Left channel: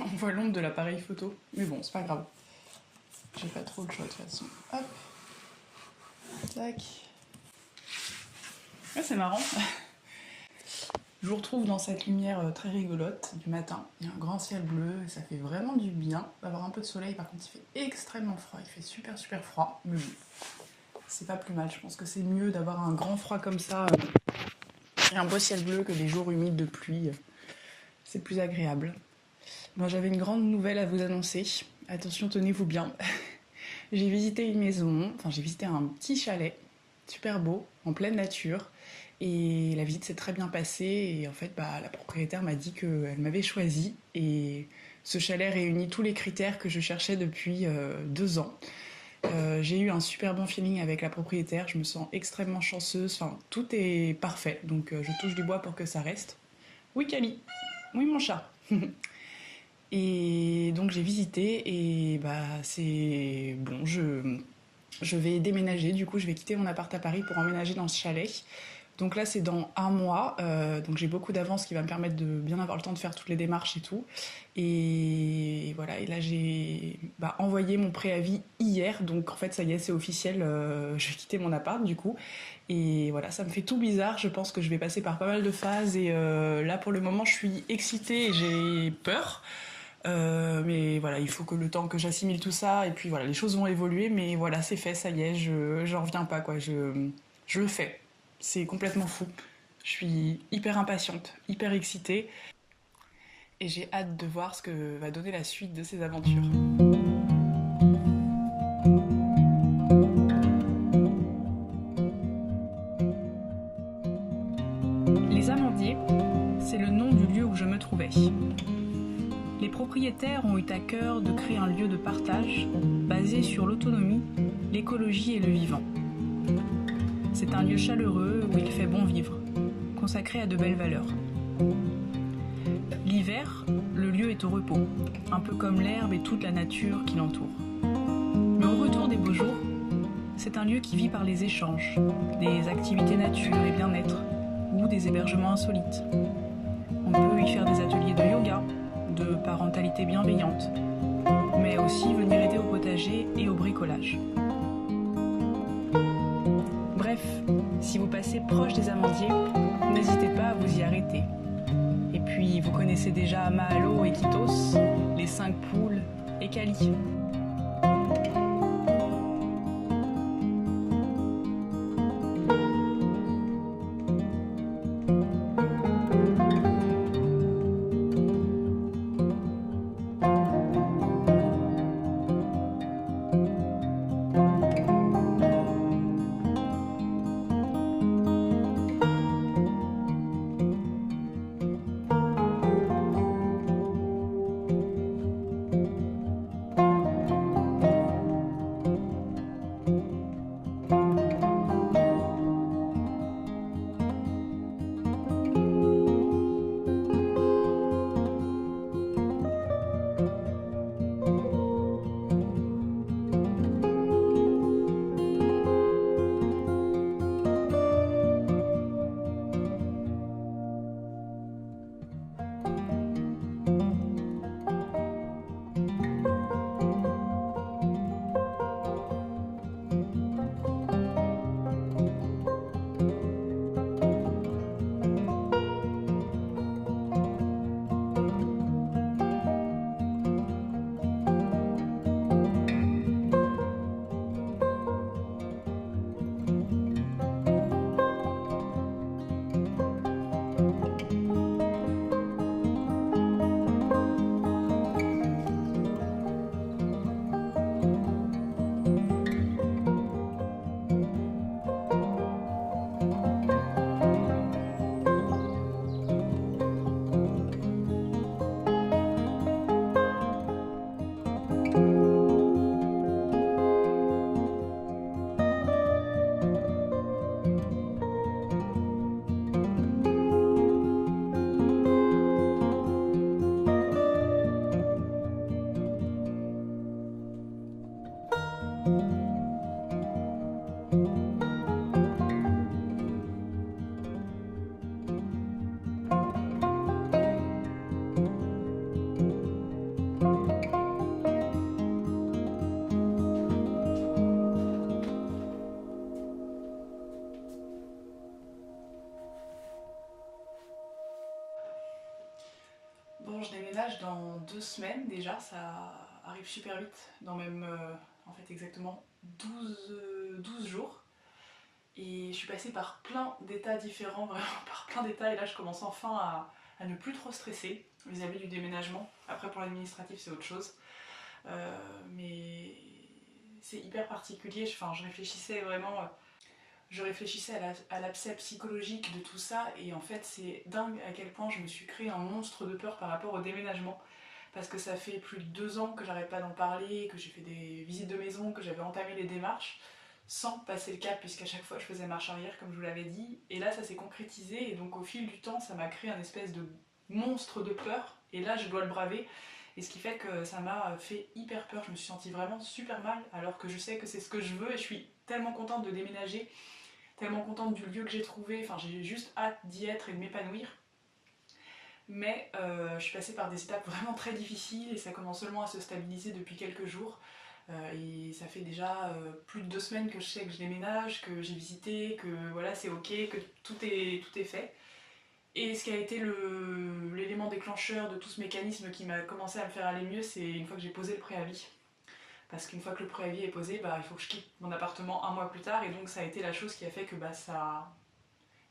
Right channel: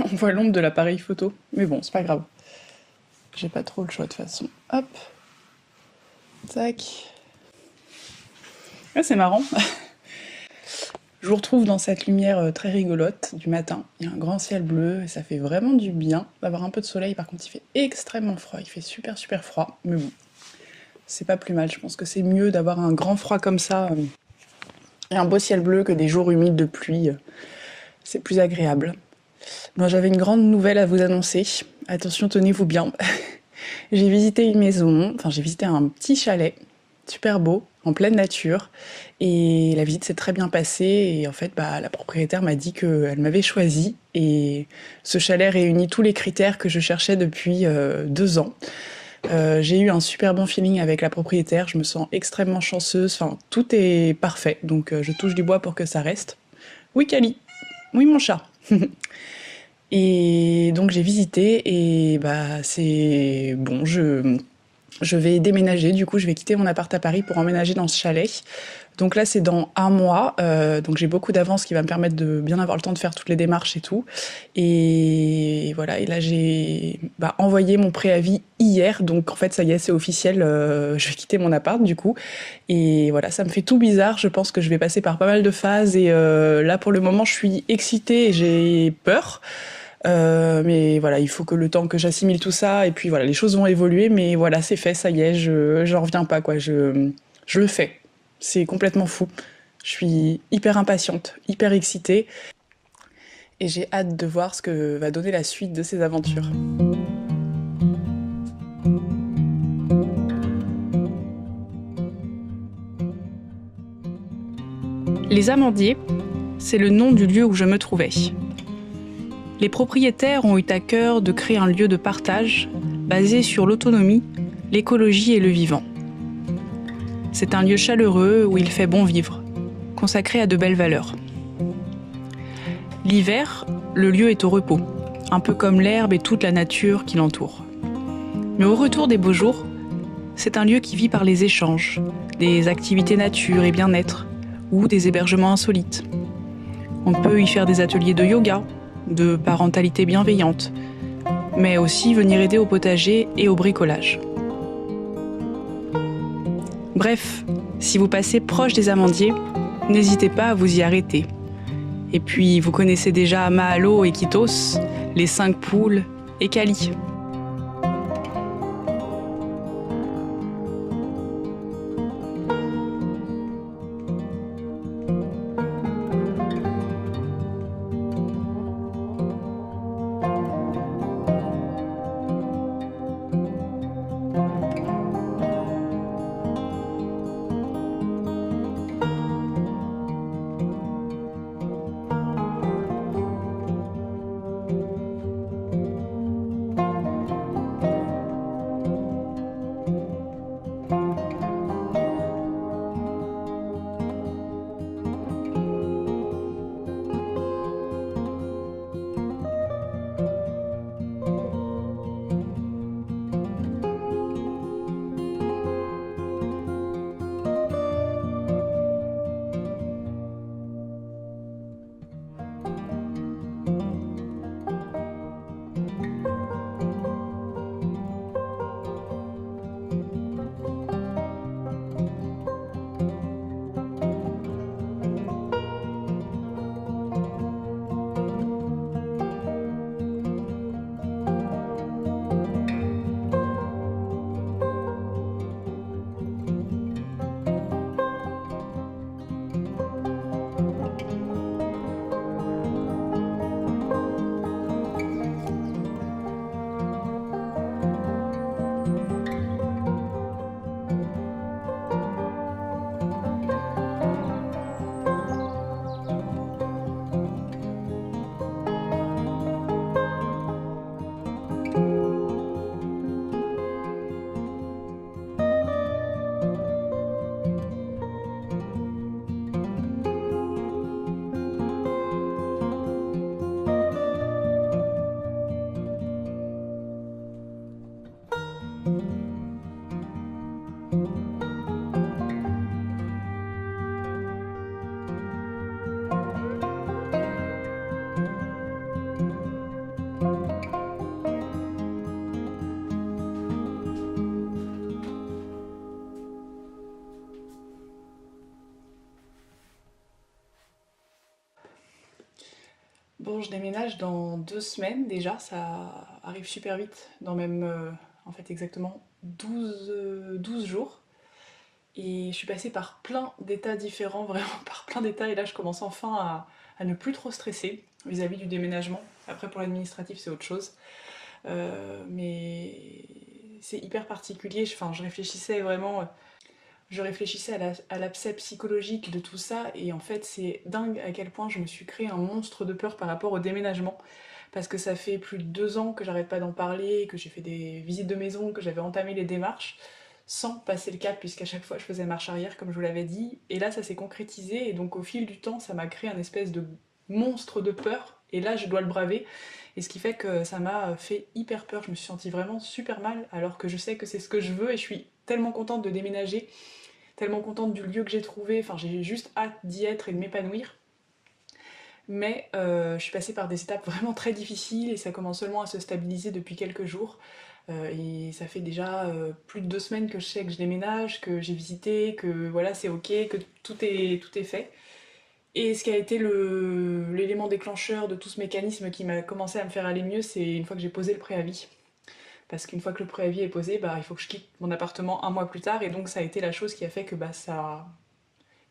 On voit l'ombre de l'appareil photo. Mais bon, c'est pas grave. J'ai pas trop le choix de toute façon. Hop. Tac. Ah, c'est marrant. Je vous retrouve dans cette lumière très rigolote du matin. Il y a un grand ciel bleu et ça fait vraiment du bien d'avoir un peu de soleil. Par contre, il fait extrêmement froid. Il fait super super froid. Mais bon, c'est pas plus mal. Je pense que c'est mieux d'avoir un grand froid comme ça et un beau ciel bleu que des jours humides de pluie. C'est plus agréable. Moi, j'avais une grande nouvelle à vous annoncer. Attention, tenez-vous bien. J'ai visité une maison, enfin j'ai visité un petit chalet, super beau, en pleine nature. Et la visite s'est très bien passée. Et en fait, la propriétaire m'a dit qu'elle m'avait choisi. Et ce chalet réunit tous les critères que je cherchais depuis 2 ans. J'ai eu un super bon feeling avec la propriétaire. Je me sens extrêmement chanceuse. Enfin, tout est parfait. Donc, je touche du bois pour que ça reste. Oui, Cali. Oui, mon chat. Et donc j'ai visité et c'est bon, je vais déménager, du coup je vais quitter mon appart à Paris pour emménager dans ce chalet. Donc là c'est dans un mois, donc j'ai beaucoup d'avance qui va me permettre de bien avoir le temps de faire toutes les démarches et tout. Et voilà, et là j'ai envoyé mon préavis hier, donc en fait ça y est c'est officiel, je vais quitter mon appart du coup. Et voilà, ça me fait tout bizarre, je pense que je vais passer par pas mal de phases et là pour le moment je suis excitée et j'ai peur. Mais voilà, il faut que le temps que j'assimile tout ça, et puis voilà, les choses vont évoluer, mais voilà, c'est fait, ça y est, j'en reviens pas, quoi, je le fais. C'est complètement fou. Je suis hyper impatiente, hyper excitée, et j'ai hâte de voir ce que va donner la suite de ces aventures. Les Amandiers, c'est le nom du lieu où je me trouvais. Les propriétaires ont eu à cœur de créer un lieu de partage basé sur l'autonomie, l'écologie et le vivant. C'est un lieu chaleureux où il fait bon vivre, consacré à de belles valeurs. L'hiver, le lieu est au repos, un peu comme l'herbe et toute la nature qui l'entoure. Mais au retour des beaux jours, c'est un lieu qui vit par les échanges, des activités nature et bien-être, ou des hébergements insolites. On peut y faire des ateliers de yoga, de parentalité bienveillante, mais aussi venir aider au potager et au bricolage. Bref, si vous passez proche des Amandiers, n'hésitez pas à vous y arrêter. Et puis, vous connaissez déjà Mahalo et Kitos, les 5 poules et Kali. Bon, je déménage dans 2 semaines déjà, ça arrive super vite, dans même en fait exactement 12 jours. Et je suis passée par plein d'états différents, vraiment par plein d'états, et là je commence enfin à ne plus trop stresser vis-à-vis du déménagement. Après pour l'administratif c'est autre chose. Mais c'est hyper particulier, enfin je réfléchissais vraiment, je réfléchissais à l'aspect psychologique de tout ça, et en fait c'est dingue à quel point je me suis créé un monstre de peur par rapport au déménagement. Parce que ça fait plus de 2 ans que j'arrête pas d'en parler, que j'ai fait des visites de maison, que j'avais entamé les démarches, sans passer le cap, puisqu'à chaque fois je faisais marche arrière, comme je vous l'avais dit. Et là ça s'est concrétisé, et donc au fil du temps ça m'a créé un espèce de monstre de peur, et là je dois le braver. Et ce qui fait que ça m'a fait hyper peur, je me suis sentie vraiment super mal, alors que je sais que c'est ce que je veux, et je suis tellement contente de déménager, tellement contente du lieu que j'ai trouvé, enfin j'ai juste hâte d'y être et de m'épanouir. Mais je suis passée par des étapes vraiment très difficiles, et ça commence seulement à se stabiliser depuis quelques jours. Et ça fait déjà plus de 2 semaines que je sais que je déménage, que j'ai visité, que voilà c'est ok, que tout est fait. Et ce qui a été l'élément déclencheur de tout ce mécanisme qui m'a commencé à me faire aller mieux, c'est une fois que j'ai posé le préavis. Parce qu'une fois que le préavis est posé, bah, il faut que je quitte mon appartement un mois plus tard, et donc ça a été la chose qui a fait que bah, ça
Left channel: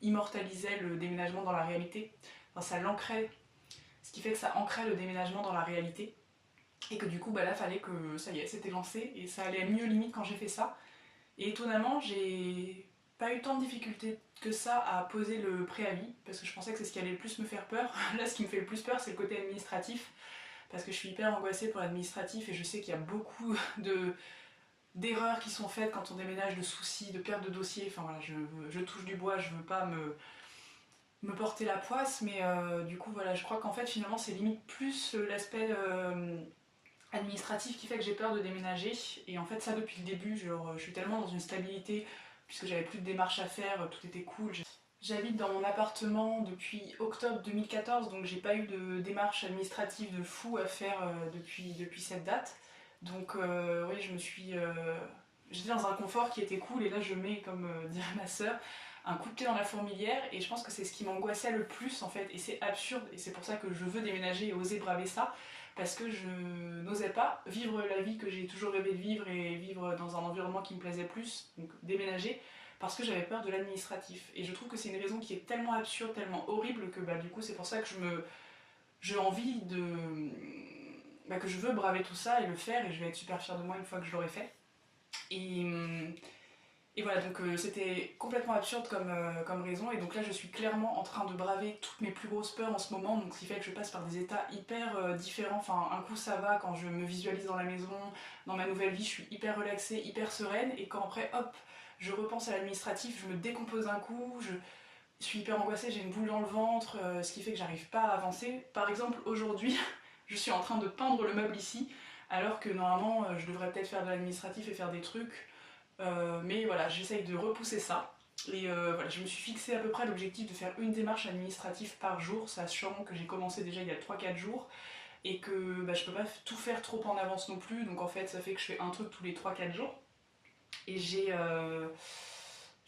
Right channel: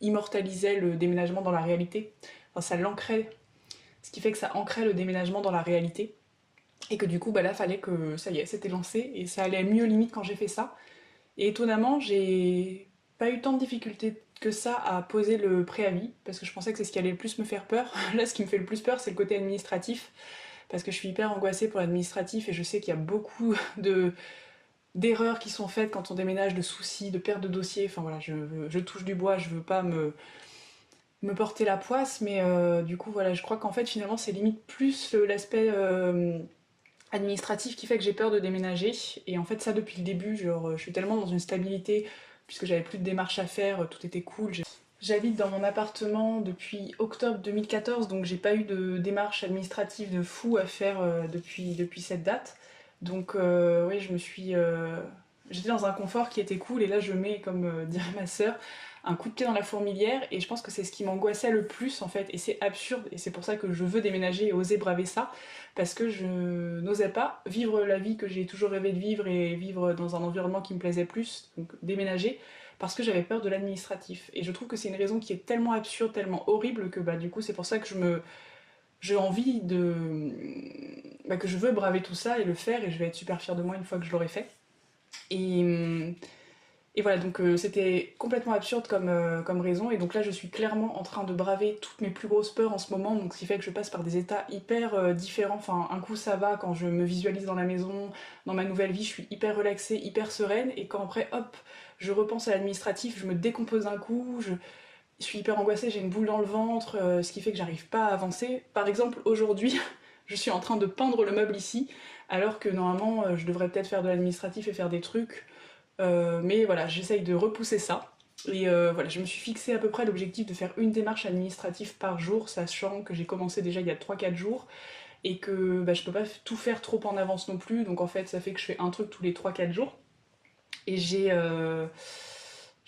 immortalisait le déménagement dans la réalité. Enfin, ça l'ancrait, ce qui fait que ça ancrait le déménagement dans la réalité. Et que du coup, bah là, fallait que ça y est, c'était lancé, et ça allait mieux limite quand j'ai fait ça. Et étonnamment, j'ai pas eu tant de difficultés que ça à poser le préavis, parce que je pensais que c'est ce qui allait le plus me faire peur. Là, ce qui me fait le plus peur, c'est le côté administratif, parce que je suis hyper angoissée pour l'administratif, et je sais qu'il y a beaucoup d'erreurs qui sont faites quand on déménage, de soucis, de perte de dossiers. Enfin voilà, je touche du bois, je veux pas me porter la poisse, mais du coup, voilà, je crois qu'en fait, finalement, c'est limite plus l'aspect administratif qui fait que j'ai peur de déménager. Et en fait ça depuis le début, genre je suis tellement dans une stabilité, puisque j'avais plus de démarches à faire, tout était cool. J'habite dans mon appartement depuis octobre 2014, donc j'ai pas eu de démarches administratives de fou à faire depuis cette date. Donc oui, j'étais dans un confort qui était cool, et là je mets, comme dirait ma sœur, un coup de pied dans la fourmilière, et je pense que c'est ce qui m'angoissait le plus en fait, et c'est absurde, et c'est pour ça que je veux déménager et oser braver ça, parce que je n'osais pas vivre la vie que j'ai toujours rêvé de vivre, et vivre dans un environnement qui me plaisait plus, donc déménager, parce que j'avais peur de l'administratif. Et je trouve que c'est une raison qui est tellement absurde, tellement horrible, que bah du coup c'est pour ça que j'ai envie de que je veux braver tout ça et le faire, et je vais être super fière de moi une fois que je l'aurai fait. Et, et voilà, donc c'était complètement absurde comme raison, et donc là je suis clairement en train de braver toutes mes plus grosses peurs en ce moment, donc ce qui fait que je passe par des états hyper différents. Enfin, un coup ça va quand je me visualise dans la maison, dans ma nouvelle vie, je suis hyper relaxée, hyper sereine, et quand après, hop, je repense à l'administratif, je me décompose un coup, je suis hyper angoissée, j'ai une boule dans le ventre, ce qui fait que j'arrive pas à avancer. Par exemple, aujourd'hui, je suis en train de peindre le meuble ici, alors que normalement je devrais peut-être faire de l'administratif et faire des trucs. Mais voilà, j'essaye de repousser ça. Et voilà, je me suis fixé à peu près l'objectif de faire une démarche administrative par jour, sachant que j'ai commencé déjà il y a 3-4 jours, et que bah, je peux pas tout faire trop en avance non plus, donc en fait ça fait que je fais un truc tous les 3-4 jours. Et j'ai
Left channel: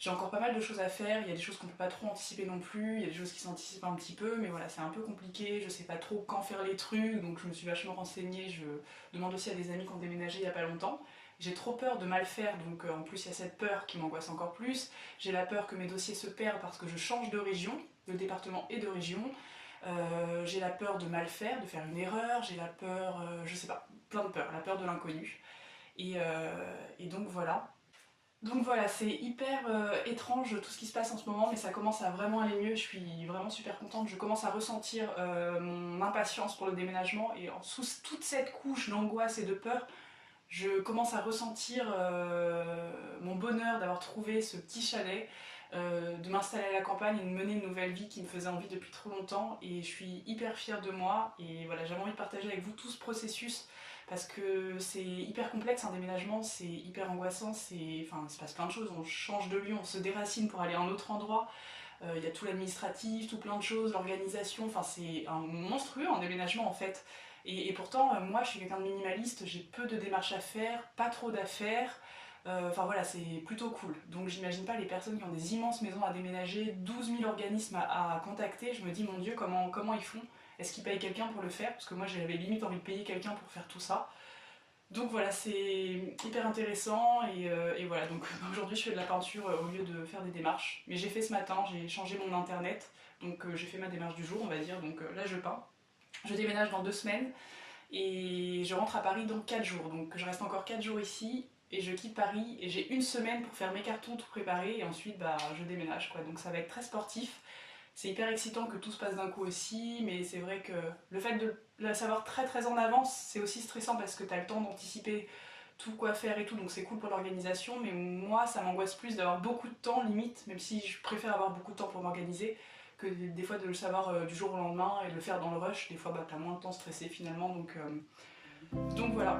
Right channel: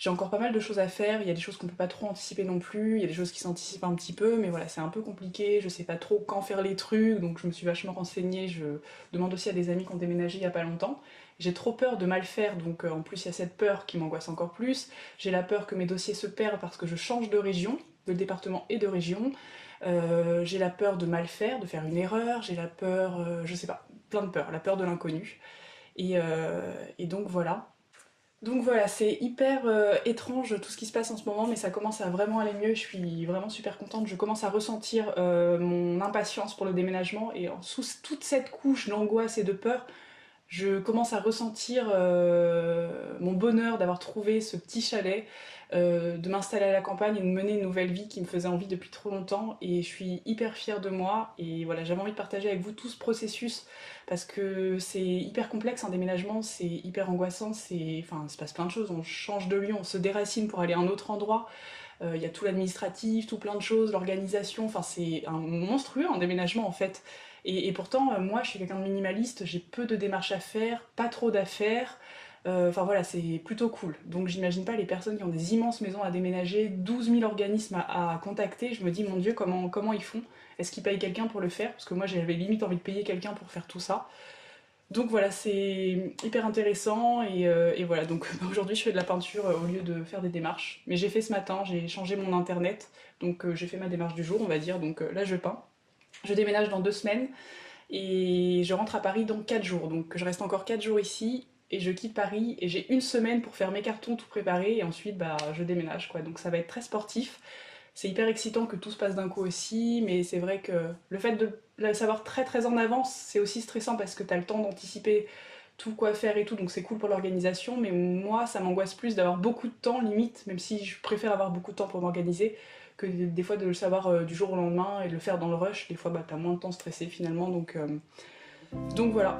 encore pas mal de choses à faire, il y a des choses qu'on peut pas trop anticiper non plus, il y a des choses qui s'anticipent un petit peu, mais voilà, c'est un peu compliqué, je sais pas trop quand faire les trucs, donc je me suis vachement renseignée, je demande aussi à des amis qui ont déménagé il y a pas longtemps. J'ai trop peur de mal faire, donc en plus il y a cette peur qui m'angoisse encore plus. J'ai la peur que mes dossiers se perdent parce que je change de région, de département et de région. J'ai la peur de mal faire, de faire une erreur, j'ai la peur, je sais pas, plein de peurs, la peur de l'inconnu. Et donc voilà. Donc voilà, c'est hyper étrange tout ce qui se passe en ce moment, mais ça commence à vraiment aller mieux, je suis vraiment super contente, je commence à ressentir mon impatience pour le déménagement, et sous toute cette couche d'angoisse et de peur, je commence à ressentir mon bonheur d'avoir trouvé ce petit chalet, de m'installer à la campagne et de mener une nouvelle vie qui me faisait envie depuis trop longtemps, et je suis hyper fière de moi. Et voilà, j'avais envie de partager avec vous tout ce processus, parce que c'est hyper complexe un déménagement, c'est hyper angoissant, enfin, il se passe plein de choses, on change de lieu, on se déracine pour aller à un autre endroit, il y a tout l'administratif, tout plein de choses, l'organisation, enfin c'est un monstrueux un déménagement en fait. Et pourtant, moi je suis quelqu'un de minimaliste, j'ai peu de démarches à faire, pas trop d'affaires, Enfin voilà, c'est plutôt cool. Donc j'imagine pas les personnes qui ont des immenses maisons à déménager, 12 000 organismes à contacter. Je me dis, mon Dieu, comment ils font? Est-ce qu'ils payent quelqu'un pour le faire? Parce que moi j'avais limite envie de payer quelqu'un pour faire tout ça. Donc voilà, c'est hyper intéressant et voilà, donc aujourd'hui je fais de la peinture au lieu de faire des démarches. Mais j'ai fait ce matin, j'ai changé mon internet, donc j'ai fait ma démarche du jour on va dire, donc là je peins. Je déménage dans 2 semaines et je rentre à Paris dans 4 jours, donc je reste encore 4 jours ici et je quitte Paris et j'ai une semaine pour faire mes cartons, tout préparer et ensuite bah, je déménage quoi, donc ça va être très sportif. C'est hyper excitant que tout se passe d'un coup aussi, mais c'est vrai que le fait de le savoir très très en avance, c'est aussi stressant parce que tu as le temps d'anticiper tout quoi faire et tout, donc c'est cool pour l'organisation, mais moi ça m'angoisse plus d'avoir beaucoup de temps limite, même si je préfère avoir beaucoup de temps pour m'organiser, que des fois de le savoir du jour au lendemain et de le faire dans le rush, des fois bah, t'as moins de temps stressé finalement, donc voilà.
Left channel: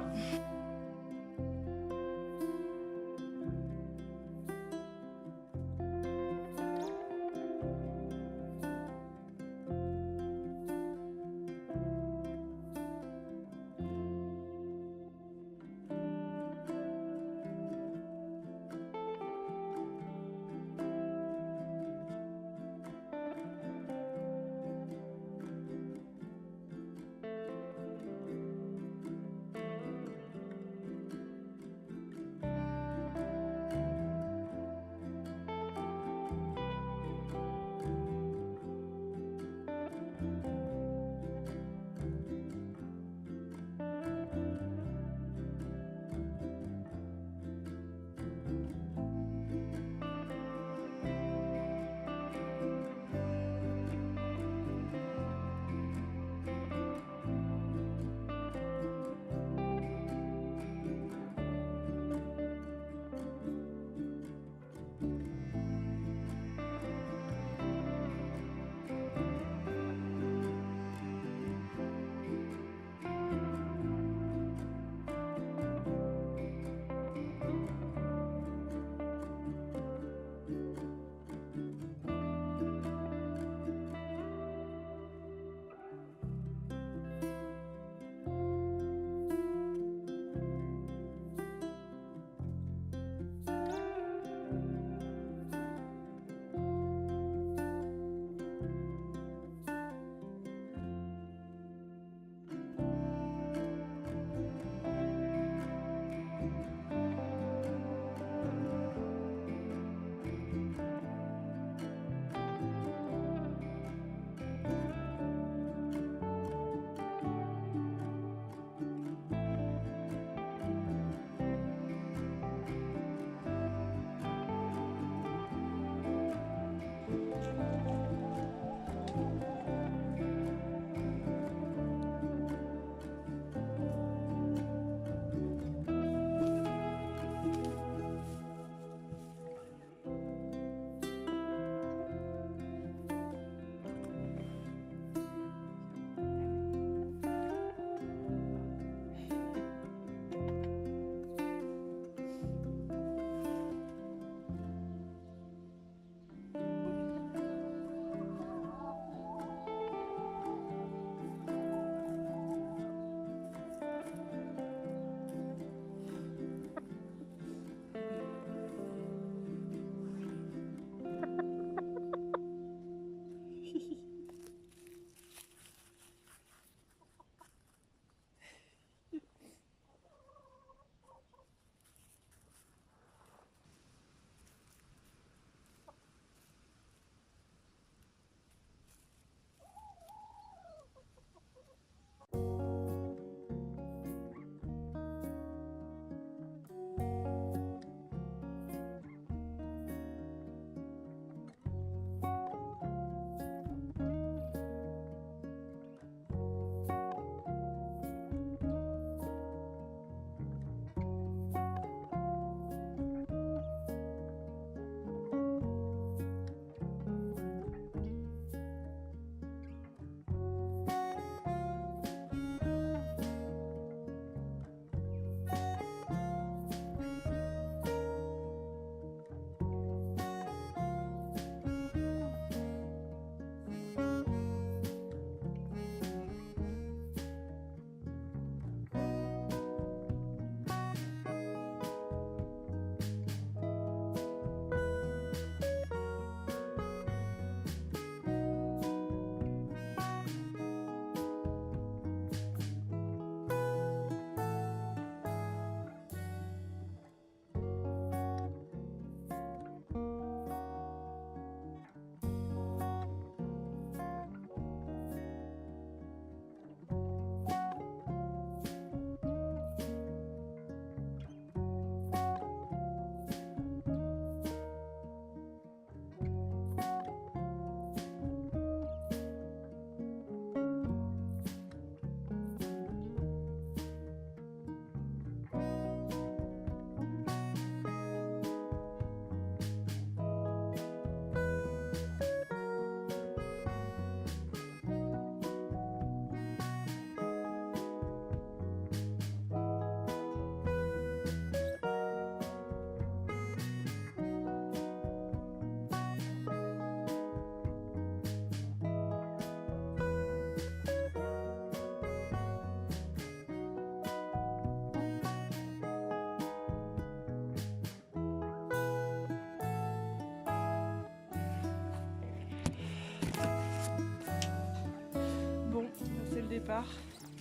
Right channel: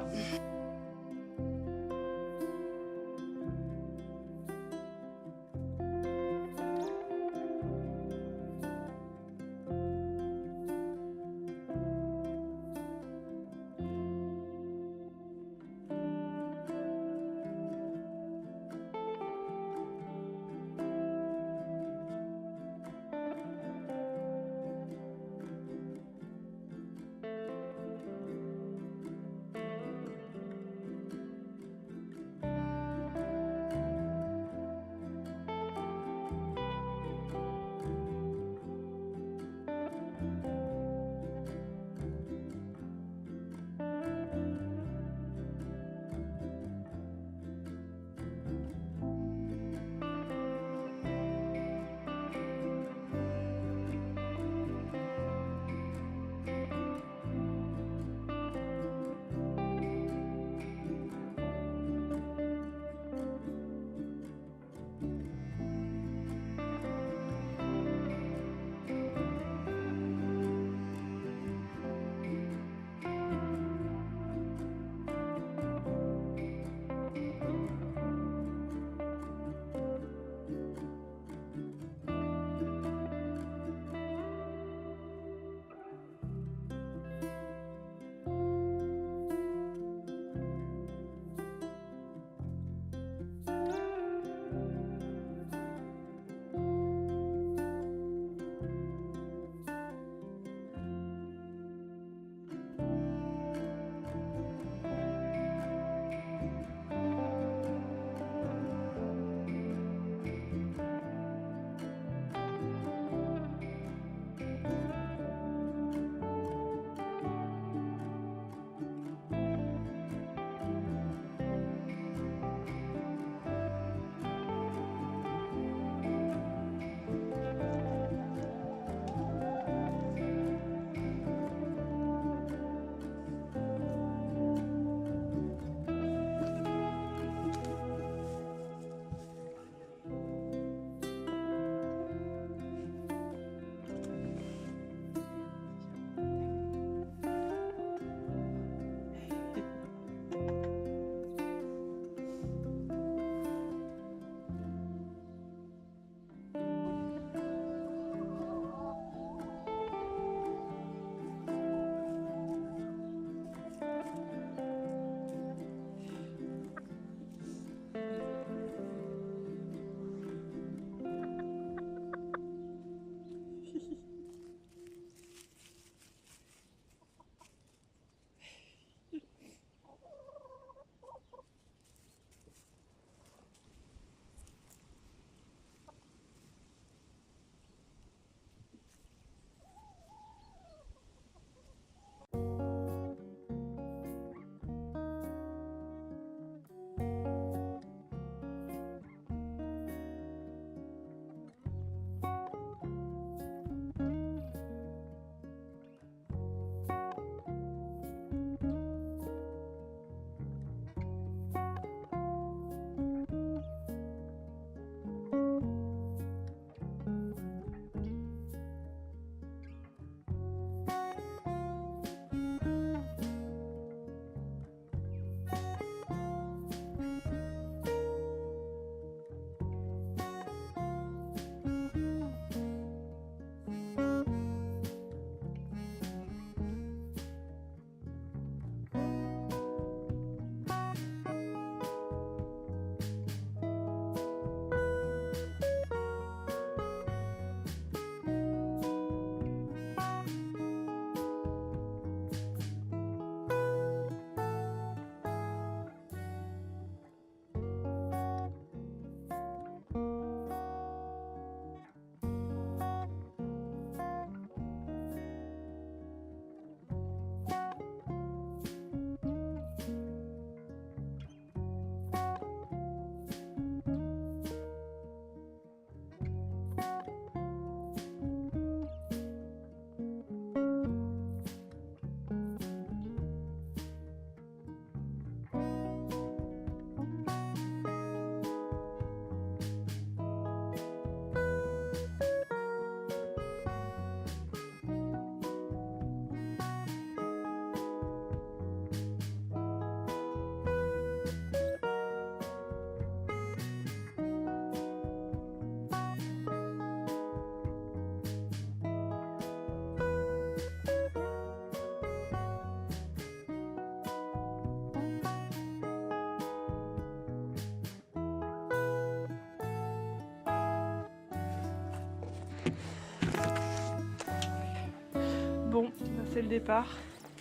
Bon, là c'est le départ.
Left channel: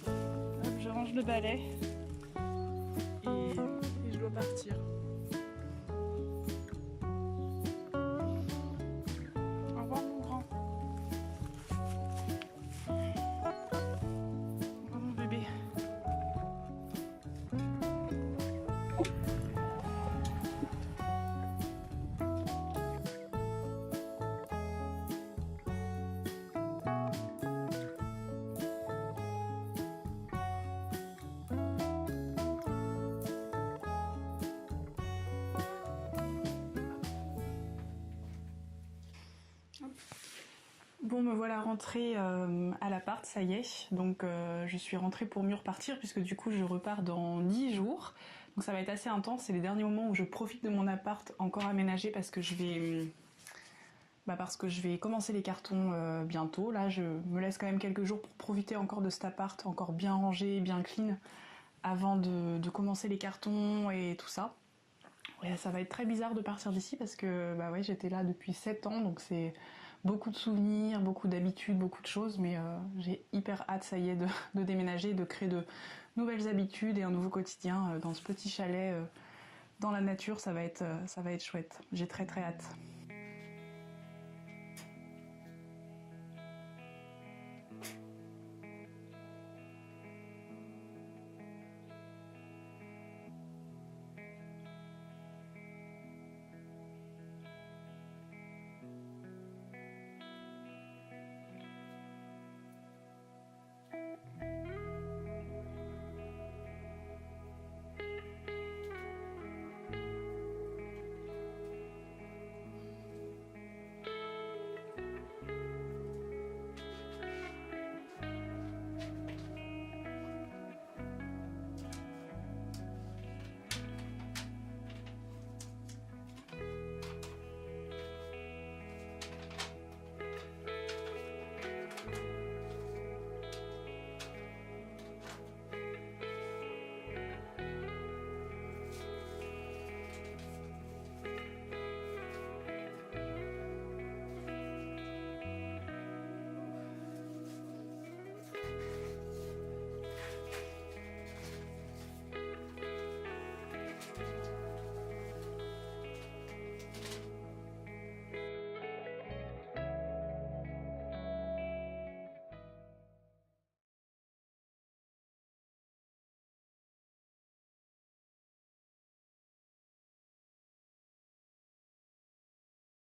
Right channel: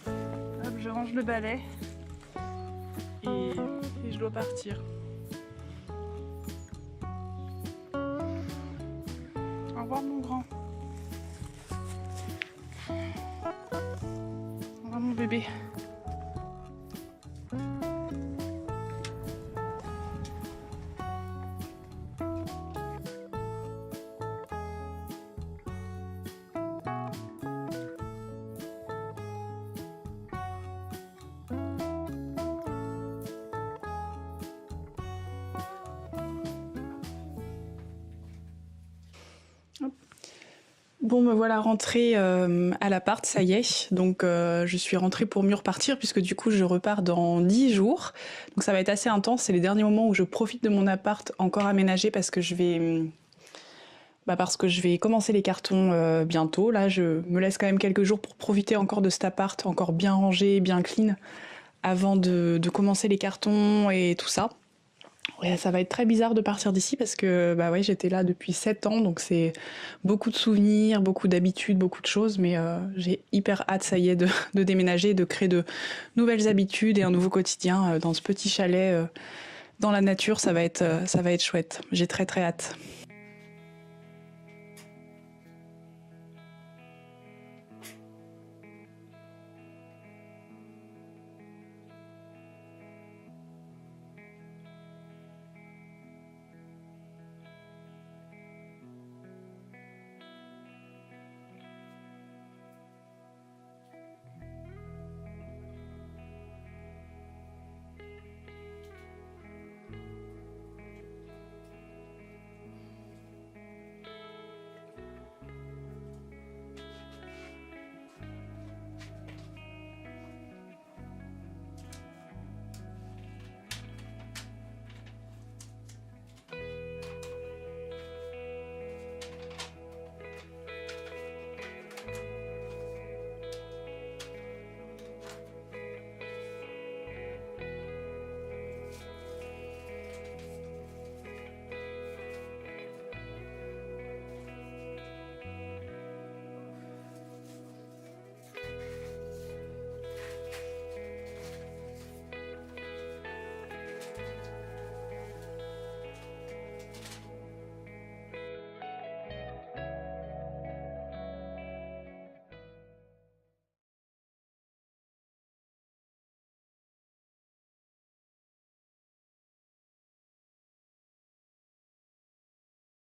Hop, je range le balai et je dois partir. Au revoir mon grand. Au revoir mon bébé. Bon, me voilà rentrée à l'appart, ça y est. Donc, je suis rentrée pour mieux repartir, puisque du coup, je repars dans 10 jours. Donc, ça va être assez intense. C'est les derniers moments où je profite de mon appart encore aménagé parce que je vais commencer les cartons bientôt. Là, je me laisse quand même quelques jours pour profiter encore de cet appart, encore bien rangé, bien clean, avant de commencer les cartons et tout ça. Ouais, ça va être très bizarre de partir d'ici parce que bah ouais, j'étais là depuis 7 ans, donc c'est beaucoup de souvenirs, beaucoup d'habitudes, beaucoup de choses, mais j'ai hyper hâte, ça y est, de déménager, de créer de nouvelles habitudes et un nouveau quotidien dans ce petit chalet dans la nature. Ça va être chouette. J'ai très très hâte.